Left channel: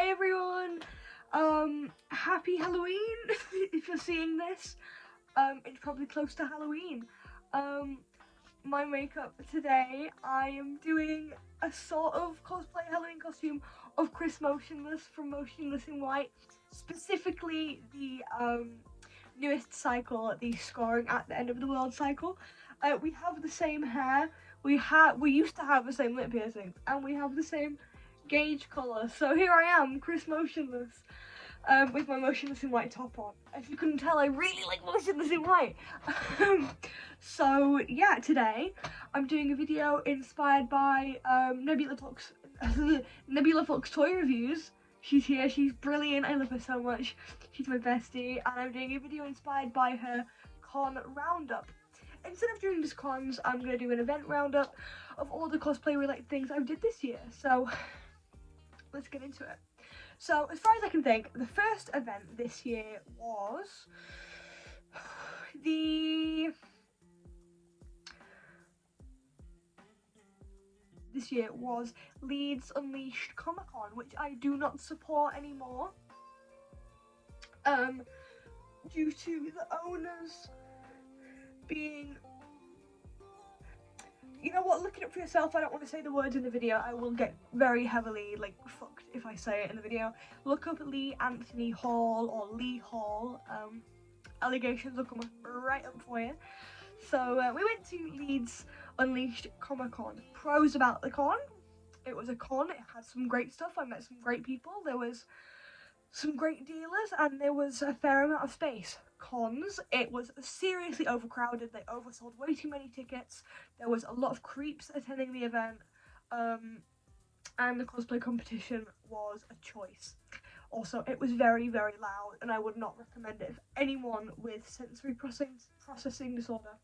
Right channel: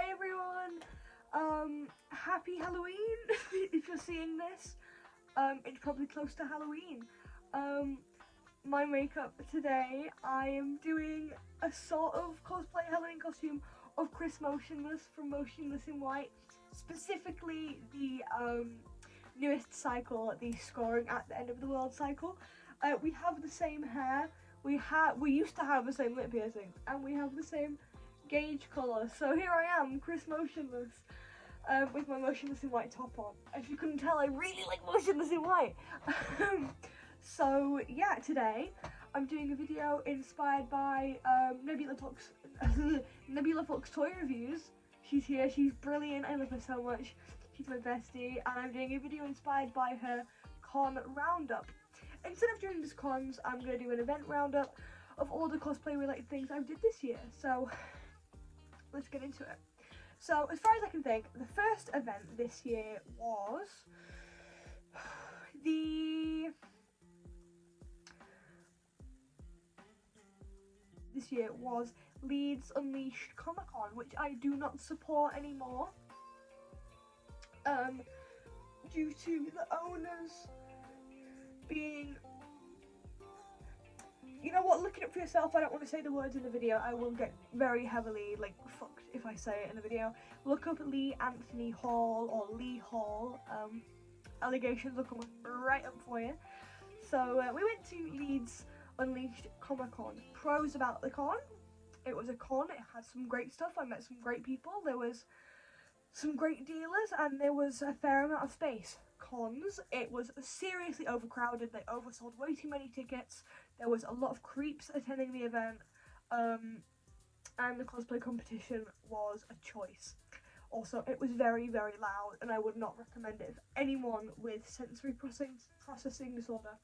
Hi everyone! Happy Halloween if you're seeing this. It's probably close to Halloween. My makeup today, I am doing a sort of cosplay Halloween costume of Chris Motionless from Motionless in White. Specifically the newest cycle, the Scoring at the End of the World cycle. We have the same hair, we used to have the same lip piercings, and we have the same gauge colour. So here I am, Chris Motionless, with my Motionless in White top on. If you couldn't tell, I really like Motionless in White. So yeah, today I'm doing a video inspired by Nebula Fox Toy Reviews. She's here, she's brilliant, I love her so much. She's my bestie, and I'm doing a video inspired by her con roundup. Instead of doing just cons, I'm going to do an event roundup of all the cosplay related things I did this year. So let's get into it. So as far as I can think, the first event this year was Leeds Unleashed Comic-Con, which I do not support anymore, due to the owners being, you know what, look it up for yourself. I don't want to say the words in the video. I will get very heavily fucked if I say it in the video. Look up Lee Anthony Hall or Lee Hall. Allegations will come right up for you. So we went to Leeds Unleashed Comic Con. Pros about the con: it was a con, it had some great stuff, I met some great people, there was some great dealers, and there was a fair amount of space. Cons: it was seriously overcrowded, they oversold way too many tickets, there was a lot of creeps attending the event, and the cosplay competition was a choice. Also, it was very, very loud, and I would not recommend it for anyone with sensory processing disorder.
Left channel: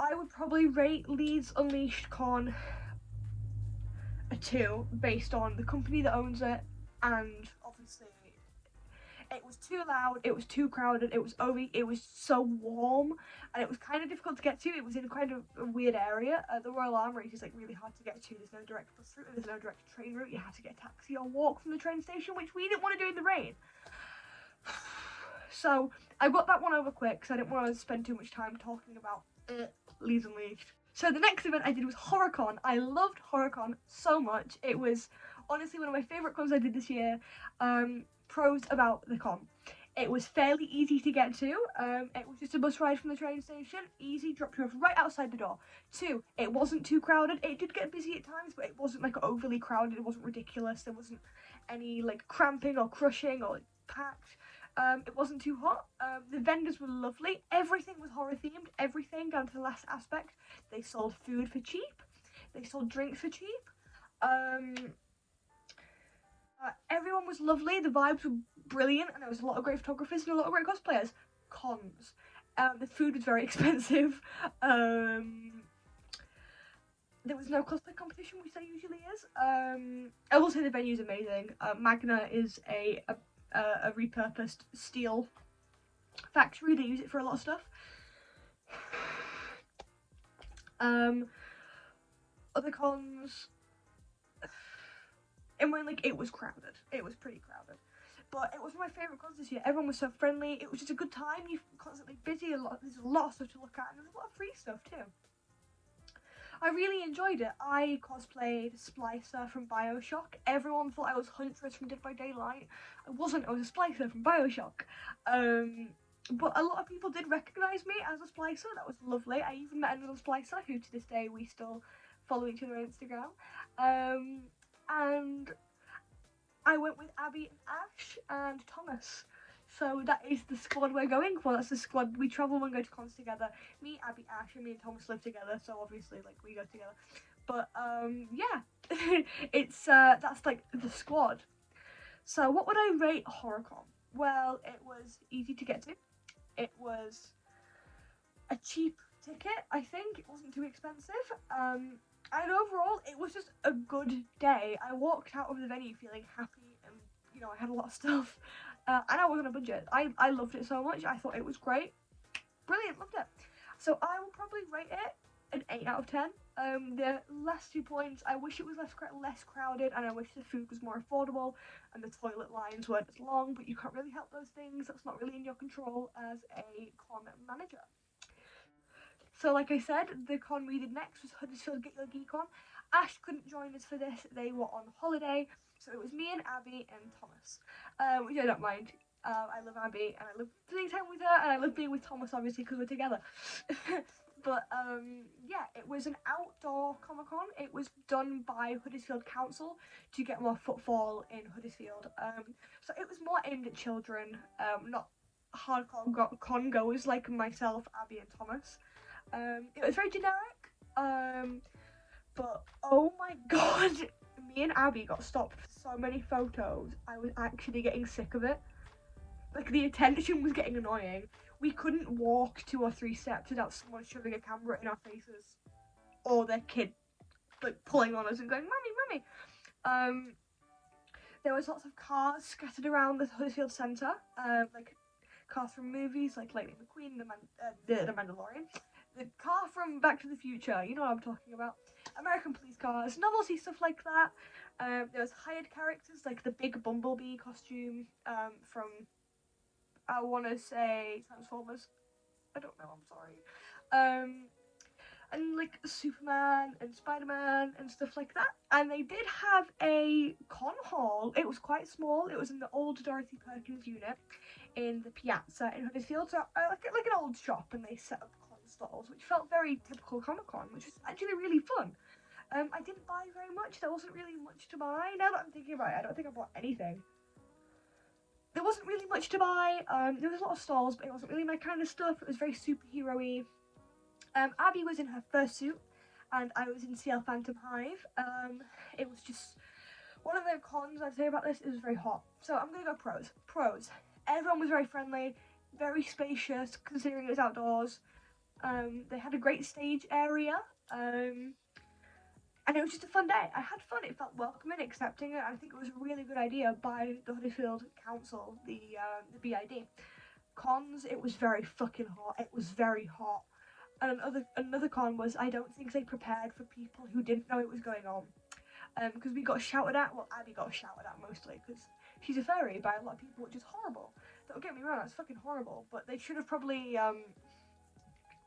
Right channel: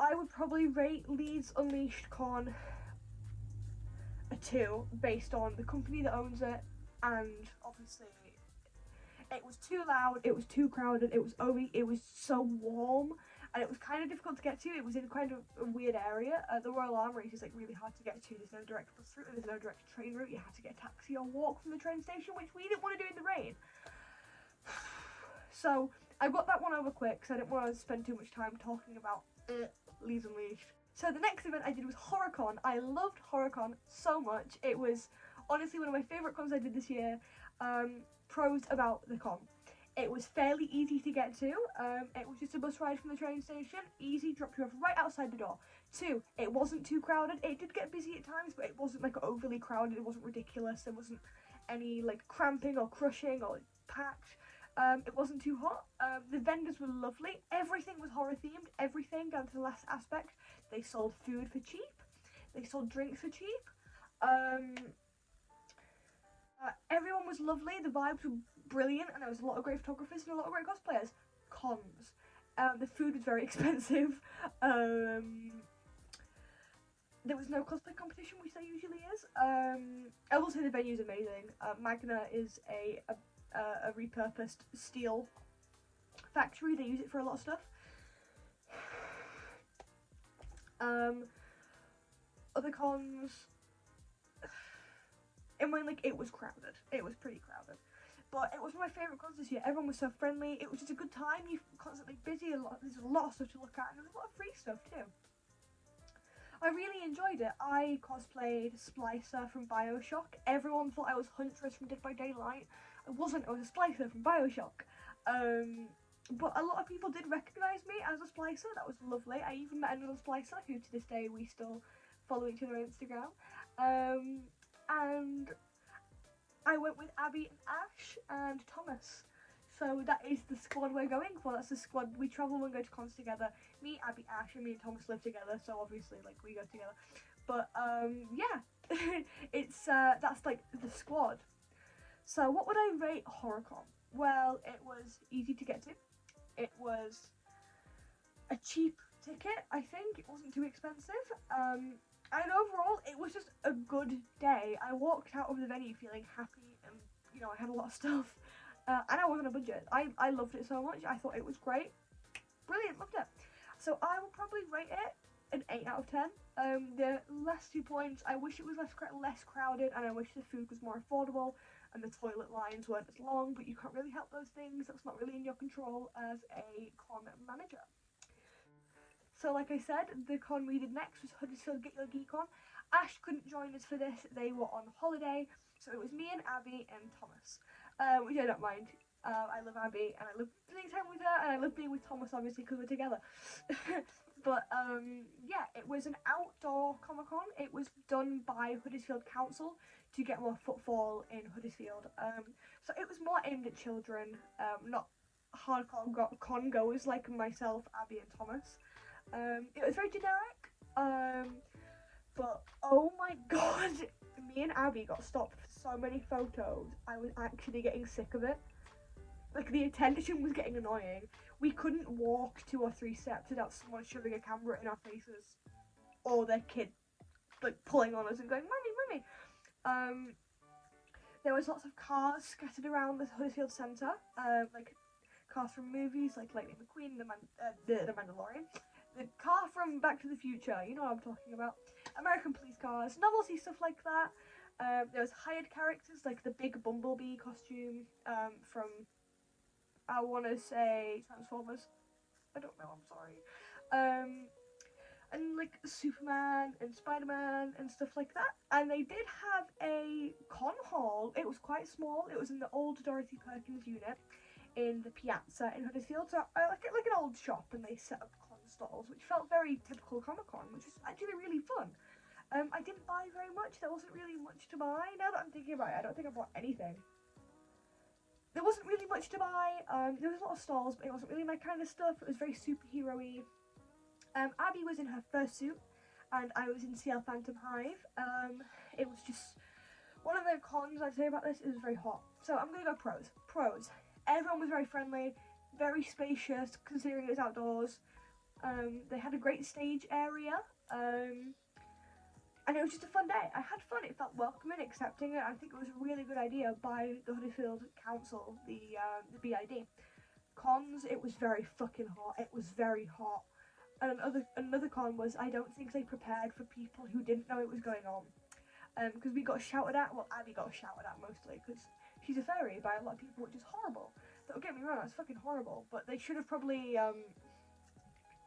I would probably rate Leeds Unleashed Con a 2 based on the company that owns it, and obviously it was too loud, it was too crowded, it was so warm, and it was kind of difficult to get to. It was in kind of a weird area. The Royal Armoury is really hard to get to. There's no direct bus route, there's no direct train route. You had to get a taxi or walk from the train station, which we didn't want to do in the rain. So I got that one over quick because I didn't want to spend too much time talking about Leeds Unleashed. So the next event I did was Horrorcon. I loved Horrorcon so much. It was honestly one of my favourite cons I did this year. Pros about the con: it was fairly easy to get to. It was just a bus ride from the train station, easy, dropped you off right outside the door. 2, it wasn't too crowded. It did get busy at times, but it wasn't overly crowded, it wasn't ridiculous, there wasn't any cramping or crushing or packed. It wasn't too hot. The vendors were lovely. Everything was horror themed, everything down to the last aspect. They sold food for cheap, they sold drinks for cheap. Everyone was lovely, the vibes were brilliant, and there was a lot of great photographers and a lot of great cosplayers. Cons: the food was very expensive. There was no cosplay competition, which there usually is. I will say the venue's amazing. Magna is a repurposed steel factory. They use it for a lot of stuff. Other cons, and when it was crowded, it was pretty crowded, but it was one of my favourite cons this year. Everyone was so friendly, it was just a good time. You're constantly busy, there's a lot of stuff to look at, and there's a lot of free stuff too. I really enjoyed it. I cosplayed Splicer from Bioshock. Everyone thought I was Huntress from Dead by Daylight. I wasn't, I was a Splicer from Bioshock. But a lot of people did recognise me as a Splicer. That was lovely. I even met another Splicer who to this day we still follow each other on Instagram. And I went with Abby and Ash and Thomas. So that is the squad we're going for. That's the squad we travel and go to cons together. Me, Abby, Ash, and me and Thomas live together, so obviously we go together. But yeah, it's that's the squad. So what would I rate Horrorcon? Well, it was easy to get to. It was a cheap ticket, I think. It wasn't too expensive. And overall, it was just a good day. I walked out of the venue feeling happy, and I had a lot of stuff. And I was on a budget. I loved it so much. I thought it was great. Brilliant, loved it. So I will probably rate it an 8 out of 10. The last 2 points, I wish it was less crowded, and I wish the food was more affordable and the toilet lines weren't as long, but you can't really help those things. That's not really in your control as a con manager. So like I said, the con we did next was Huddersfield Get Your Geek On. Ash couldn't join us for this, they were on holiday, so it was me and Abby and Thomas, which I don't mind. I love Abby and I love spending time with her, and I love being with Thomas obviously because we're together. But yeah, it was an outdoor Comic-Con. It was done by Huddersfield Council to get more footfall in Huddersfield. So it was more aimed at children, not hardcore con goers like myself, Abby and Thomas. It was very generic, but oh my god, me and Abby got stopped for so many photos. I was actually getting sick of it. Like, the attention was getting annoying. We couldn't walk 2 or 3 steps without someone shoving a camera in our faces, or their kid like pulling on us and going, "Mummy, mummy." There was lots of cars scattered around the Huddersfield Centre, like cars from movies like Lightning McQueen, the Mandalorian, the car from Back to the Future, you know what I'm talking about, American police cars, novelty stuff like that. There was hired characters like the big Bumblebee costume from, I want to say, Transformers. I don't know, I'm sorry. And like Superman and Spider-Man and stuff like that. And they did have a con hall. It was quite small. It was in the old Dorothy Perkins unit in the Piazza in Huddersfield. So like an old shop, and they set up con stalls, which felt very typical Comic-Con, which was actually really fun. I didn't buy very much. There wasn't really much to buy. Now that I'm thinking about it, I don't think I bought anything. There wasn't really much to buy. There was a lot of stalls, but it wasn't really my kind of stuff. It was very superhero-y. Abby was in her fursuit, and I was in CL Phantom Hive. It was just one of the cons I'd say about this. It was very hot. So I'm gonna go pros. Pros. Everyone was very friendly, very spacious, considering it was outdoors. They had a great stage area. And it was just a fun day. I had fun. It felt welcoming, accepting it. I think it was a really good idea by the Huddersfield Council, the BID. Cons, it was very fucking hot. It was very hot. And another con was I don't think they prepared for people who didn't know it was going on. Because we got shouted at. Well, Abby got shouted at mostly because she's a fairy by a lot of people, which is horrible. Don't get me wrong, that's fucking horrible. But they should have probably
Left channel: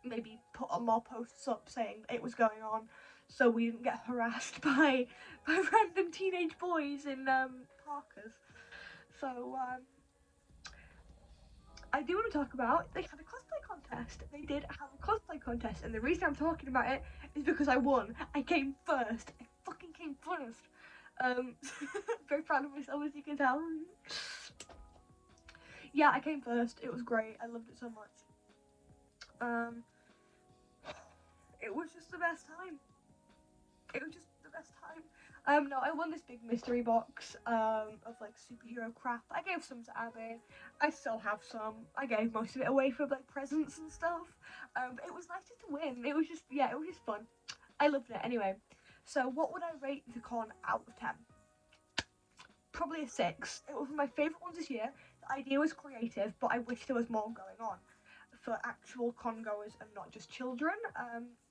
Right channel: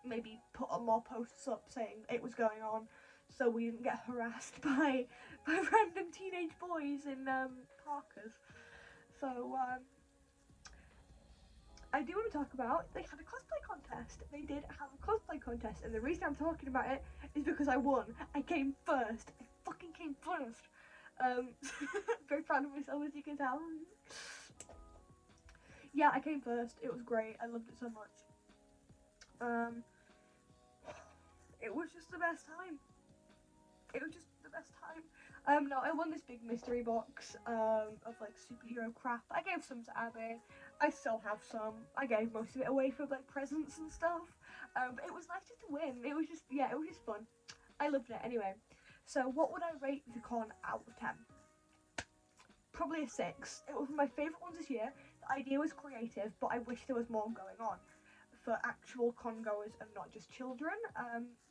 maybe put more posts up saying it was going on, so we didn't get harassed by random teenage boys in parkas. So I do want to talk about, they had a cosplay contest. They did have a cosplay contest, and the reason I'm talking about it is because I won. I came first. I fucking came first. Very proud of myself, as you can tell. Yeah, I came first. It was great. I loved it so much. It was just the best time. It was just the best time. No, I won this big mystery box of like superhero crap. I gave some to Abby. I still have some. I gave most of it away for like presents and stuff. But it was nice just to win. It was just, yeah, it was just fun. I loved it. Anyway, so what would I rate the con out of 10? Probably a 6. It was my favourite ones this year. The idea was creative, but I wish there was more going on for actual con goers and not just children.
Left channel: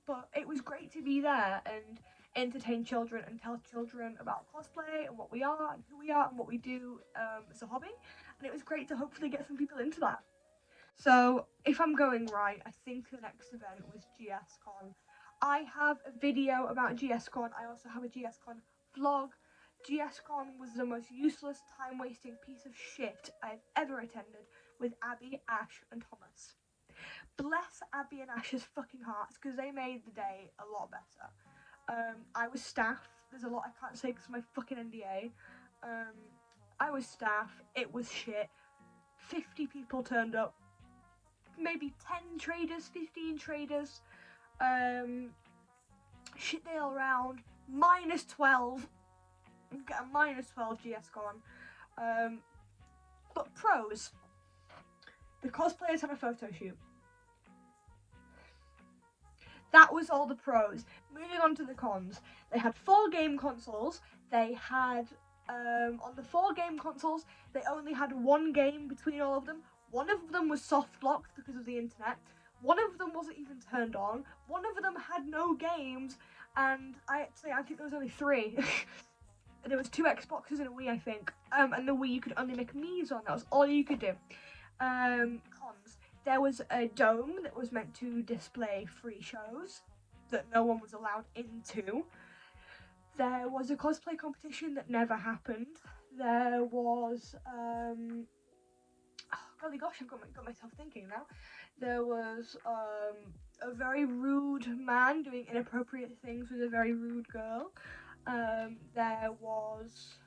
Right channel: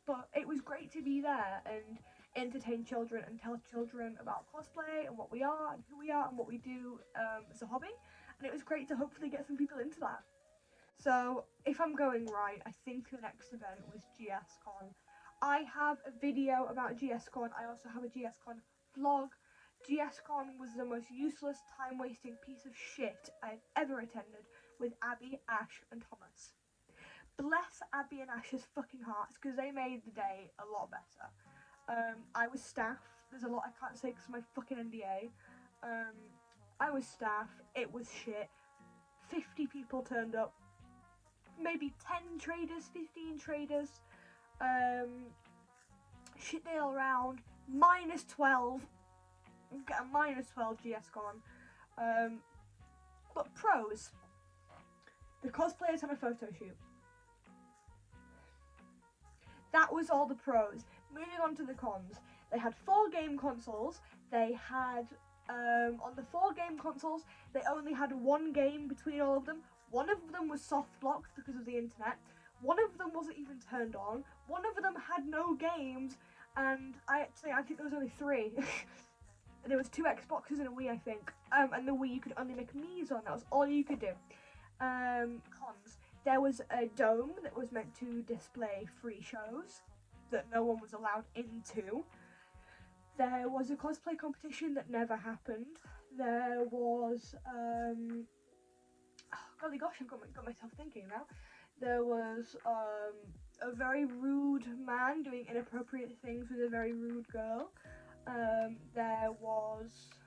But it was great to be there and entertain children and tell children about cosplay and what we are and who we are and what we do as a hobby. And it was great to hopefully get some people into that. So if I'm going right, I think the next event was GSCon. I have a video about GSCon. I also have a GSCon vlog. GSCon was the most useless, time-wasting piece of shit I've ever attended, with Abby, Ash and Thomas. Bless Abby and Ash's fucking hearts, because they made the day a lot better. I was staff. There's a lot I can't say because of my fucking NDA. I was staff. It was shit. 50 people turned up. Maybe 10 traders, 15 traders. Shit day all around. -12. Get a -12 GSCon. But pros. The cosplayers had a photo shoot. That was all the pros. Moving on to the cons. They had 4 game consoles. They had, on the 4 game consoles, they only had 1 game between all of them. One of them was soft locked because of the internet. One of them wasn't even turned on. One of them had no games, and I think there was only 3. There was 2 Xboxes and a Wii, I think. And the Wii you could only make Mii's on. That was all you could do. Cons. There was a dome that was meant to display free shows that no one was allowed into. There was a cosplay competition that never happened. There was golly gosh, I've got myself thinking now. There was a very rude man doing inappropriate things with a very rude girl. There was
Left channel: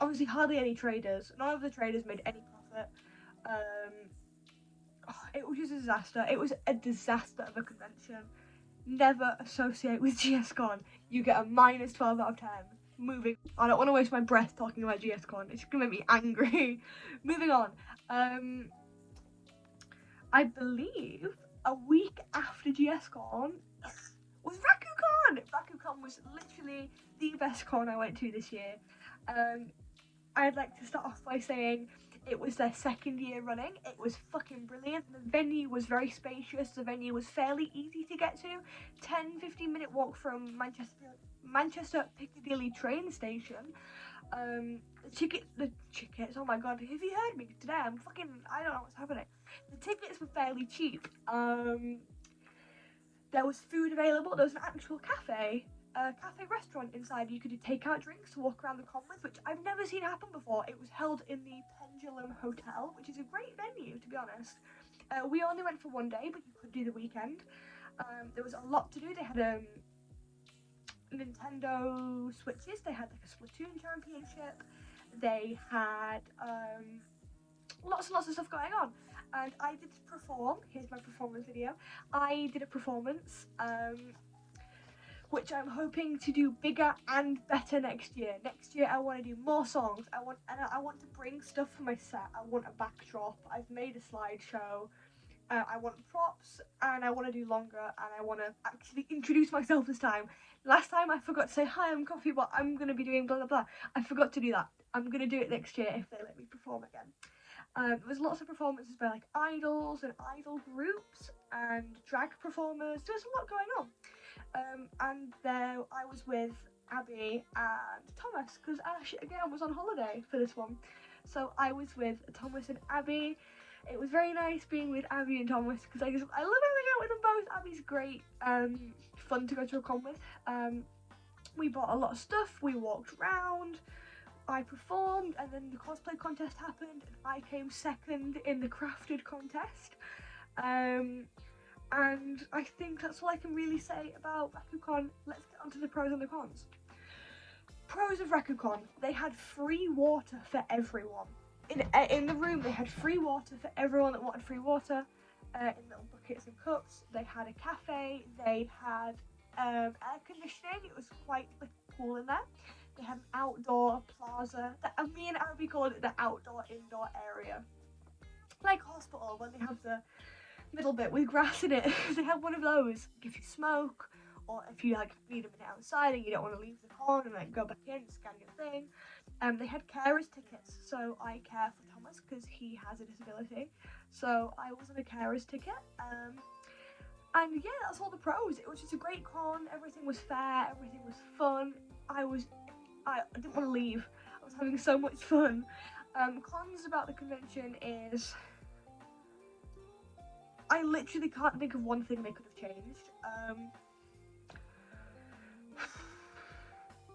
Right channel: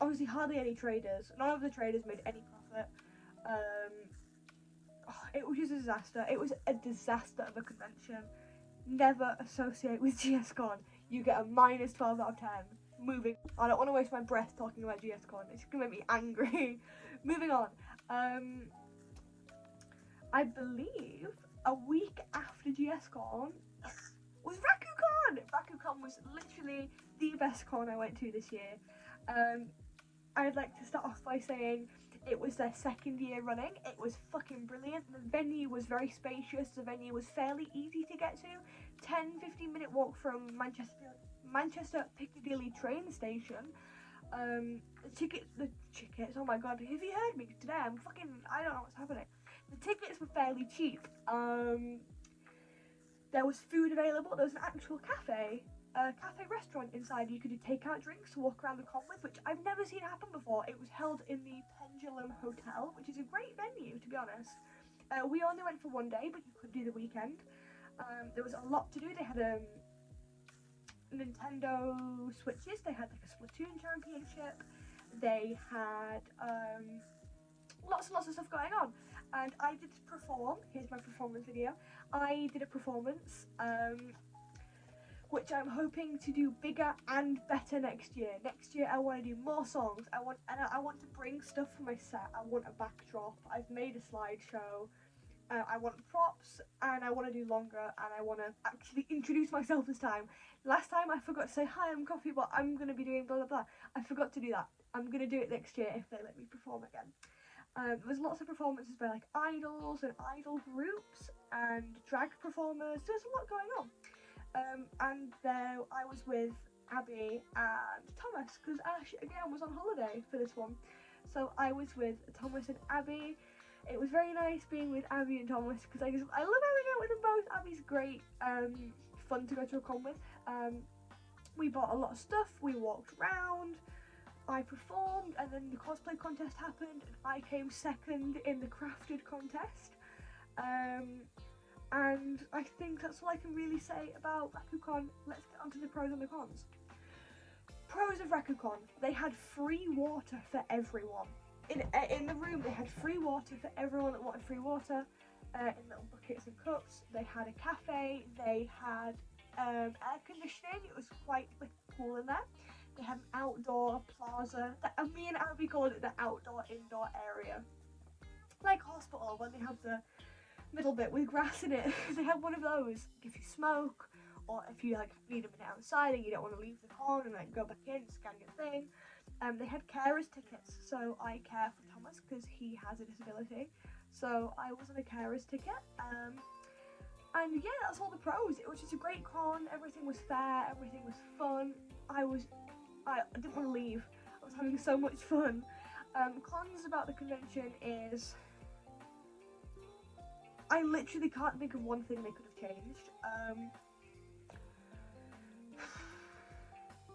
obviously hardly any traders. None of the traders made any profit. It was just a disaster. It was a disaster of a convention. Never associate with GSCon. You get a -12 out of 10. Moving. I don't want to waste my breath talking about GSCon. It's gonna make me angry. Moving on. I believe a week after GSCon was Rakucon. Rakucon was literally the best con I went to this year. I'd like to start off by saying it was their 2nd year running. It was fucking brilliant. The venue was very spacious. The venue was fairly easy to get to. 10-15 minute walk from Manchester Piccadilly train station. The tickets, oh my god, have you heard me today? I don't know what's happening. The tickets were fairly cheap. There was food available. There was an actual cafe restaurant inside. You could do takeout drinks to walk around the con with, which I've never seen happen before. It was held in the Pendulum Hotel, which is a great venue, to be honest. We only went for 1 day, but you could do the weekend. There was a lot to do. They had Nintendo Switches. They had like a Splatoon championship. They had lots and lots of stuff going on. And I did perform. Here's my performance video. I did a performance, which I'm hoping to do bigger and better next year. Next year, I want to do more songs. I want to bring stuff for my set. I want a backdrop. I've made a slideshow. I want props, and I want to do longer, and I want to actually introduce myself this time. Last time I forgot to say, hi, I'm Coffeebot, I'm going to be doing blah blah blah. I forgot to do that. I'm going to do it next year if they let me perform again. There was lots of performances by like idols and idol groups and drag performers. There was a lot going on. And there I was with Abby and Thomas, because Ash again was on holiday for this one. So I was with Thomas and Abby. It was very nice being with Abby and Thomas because I love hanging out with them both. Abby's great, fun to go to a con with. We bought a lot of stuff, we walked around, I performed, and then the cosplay contest happened and I came 2nd in the crafted contest. And I think that's all I can really say about Rakucon. Let's get on to the pros and the cons. Pros of Rakucon: they had free water for everyone. In the room, they had free water for everyone that wanted free water, in little buckets and cups. They had a cafe, they had air conditioning. It was quite like cool in there. They had an outdoor plaza. Me and Abby called it the outdoor-indoor area. Like hospital, when they have the middle bit with grass in it. They have one of those. If you smoke, or if you like need a minute outside and you don't want to leave the con and like go back in, scan your thing. They had carers tickets, so I care for Thomas because he has a disability. So I was on a carers ticket. And yeah, that's all the pros. It was just a great con. Everything was fair. Everything was fun. I didn't want to leave. I was having so much fun. Cons about the convention is I literally can't think of one thing they could have changed.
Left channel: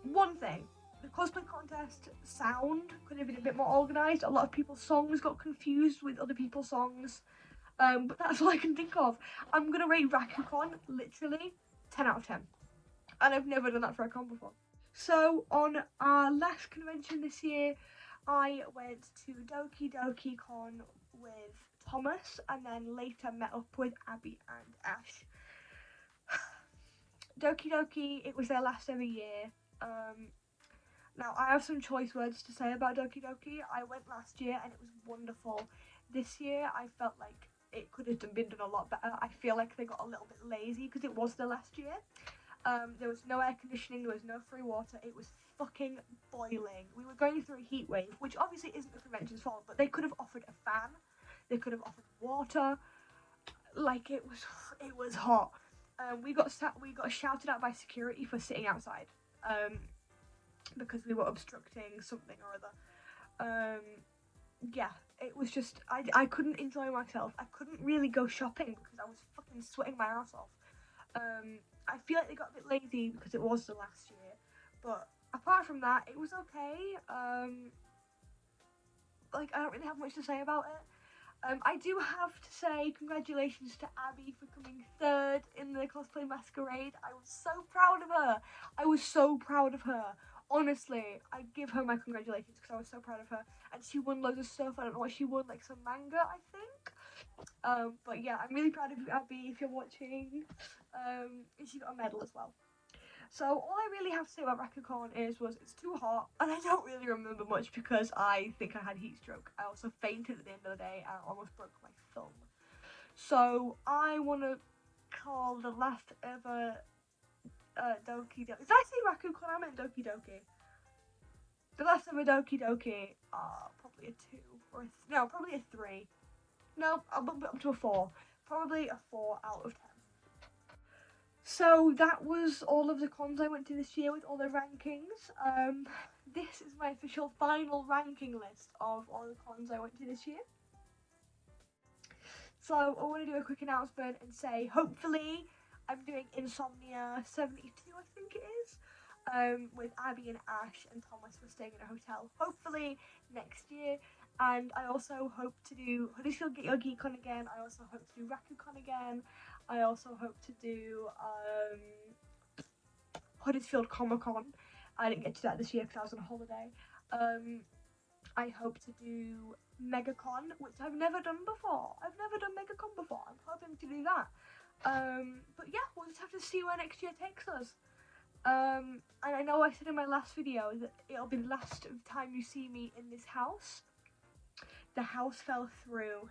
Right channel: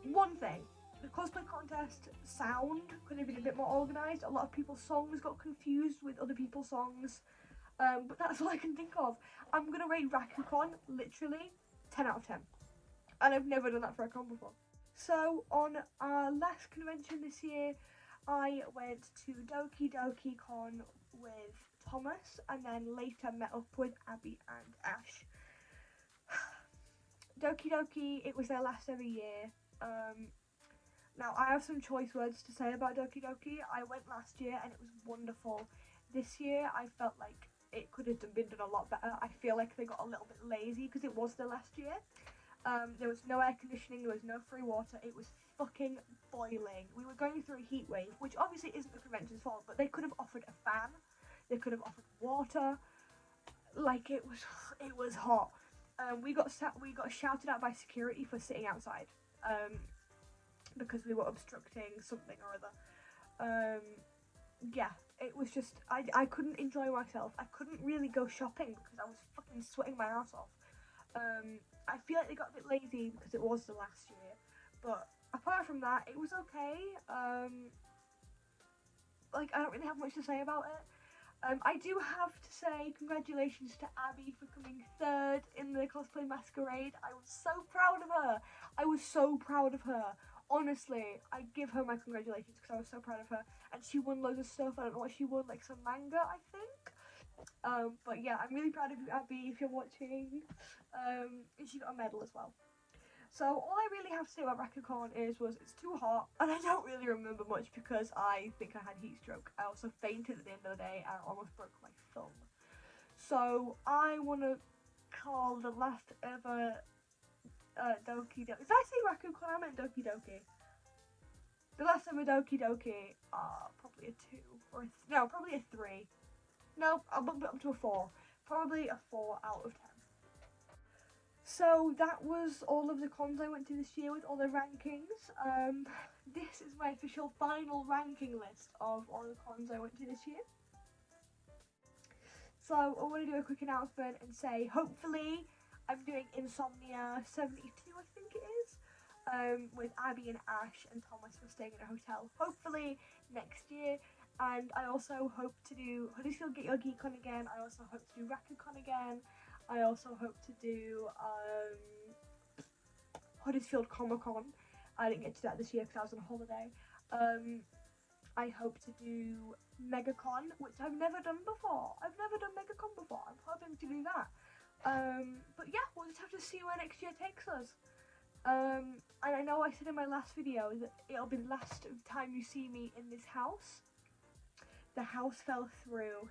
One thing. The cosplay contest sound could have been a bit more organised. A lot of people's songs got confused with other people's songs. But that's all I can think of. I'm going to rate Rakucon literally 10 out of 10. And I've never done that for a con before. So on our last convention this year, I went to Doki Doki Con with Thomas and then later met up with Abby and Ash. Doki Doki, it was their last ever year. Now I have some choice words to say about Doki Doki. I went last year and it was wonderful. This year I felt like it could have been done a lot better. I feel like they got a little bit lazy because it was their last year. There was no air conditioning, there was no free water, it was fucking boiling. We were going through a heat wave, which obviously isn't the convention's fault, but they could have offered a fan, they could have offered water. like it was hot. We got shouted at by security for sitting outside, because we were obstructing something or other. Yeah, it was just I couldn't enjoy myself. I couldn't really go shopping because I was fucking sweating my ass off. I feel like they got a bit lazy because it was the last year, but apart from that, it was okay. Like, I don't really have much to say about it. I do have to say congratulations to Abby for coming third in the cosplay masquerade. I was so proud of her. I was so proud of her. Honestly, I give her my congratulations because I was so proud of her. And she won loads of stuff. I don't know what she won, like some manga, I think. But yeah, I'm really proud of you, Abby, if you're watching. And she got a medal as well. So all I really have to say about Rakucon was it's too hot, and I don't really remember much because I think I had heat stroke. I also fainted at the end of the day and almost broke my thumb. So I want to call the last ever Doki Doki. Did I say Rakucon? I meant Doki Doki. The last ever Doki Doki, probably a 2 or no, probably a 3. No, I'll bump it up to a 4. Probably a 4 out of 10. So that was all of the cons I went to this year with all the rankings. This is my official final ranking list of all the cons I went to this year. So I want to do a quick announcement and say, hopefully I'm doing Insomnia 72, I think it is, with Abby and Ash and Thomas. We're staying in a hotel, hopefully next year. And I also hope to do Huddersfield Get Your Geek On again. I also hope to do Rakucon again. I also hope to do Huddersfield Comic Con. I didn't get to that this year because I was on holiday. I hope to do MegaCon, which I've never done before. I've never done MegaCon before. I'm hoping to do that. But yeah, we'll just have to see where next year takes us. And I know I said in my last video that it'll be the last time you see me in this house. The house fell through.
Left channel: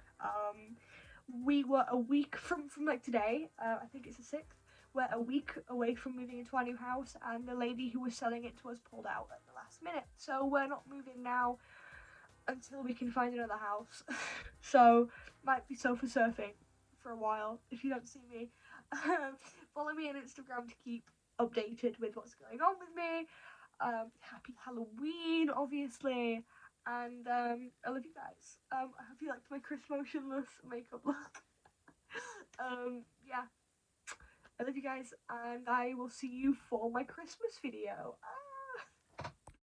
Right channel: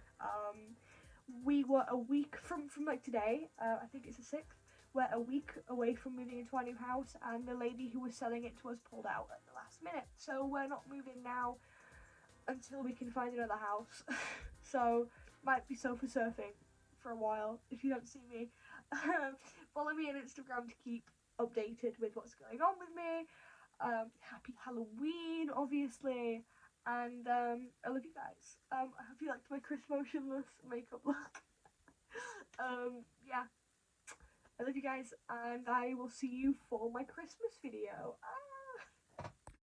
We were a week from like today, I think it's the 6th, we're a week away from moving into our new house, and the lady who was selling it to us pulled out at the last minute, so we're not moving now until we can find another house. So might be sofa surfing for a while if you don't see me. Follow me on Instagram to keep updated with what's going on with me. Happy Halloween, obviously. And I love you guys. I hope you liked my Chris Motionless makeup look. Yeah, I love you guys, and I will see you for my Christmas video.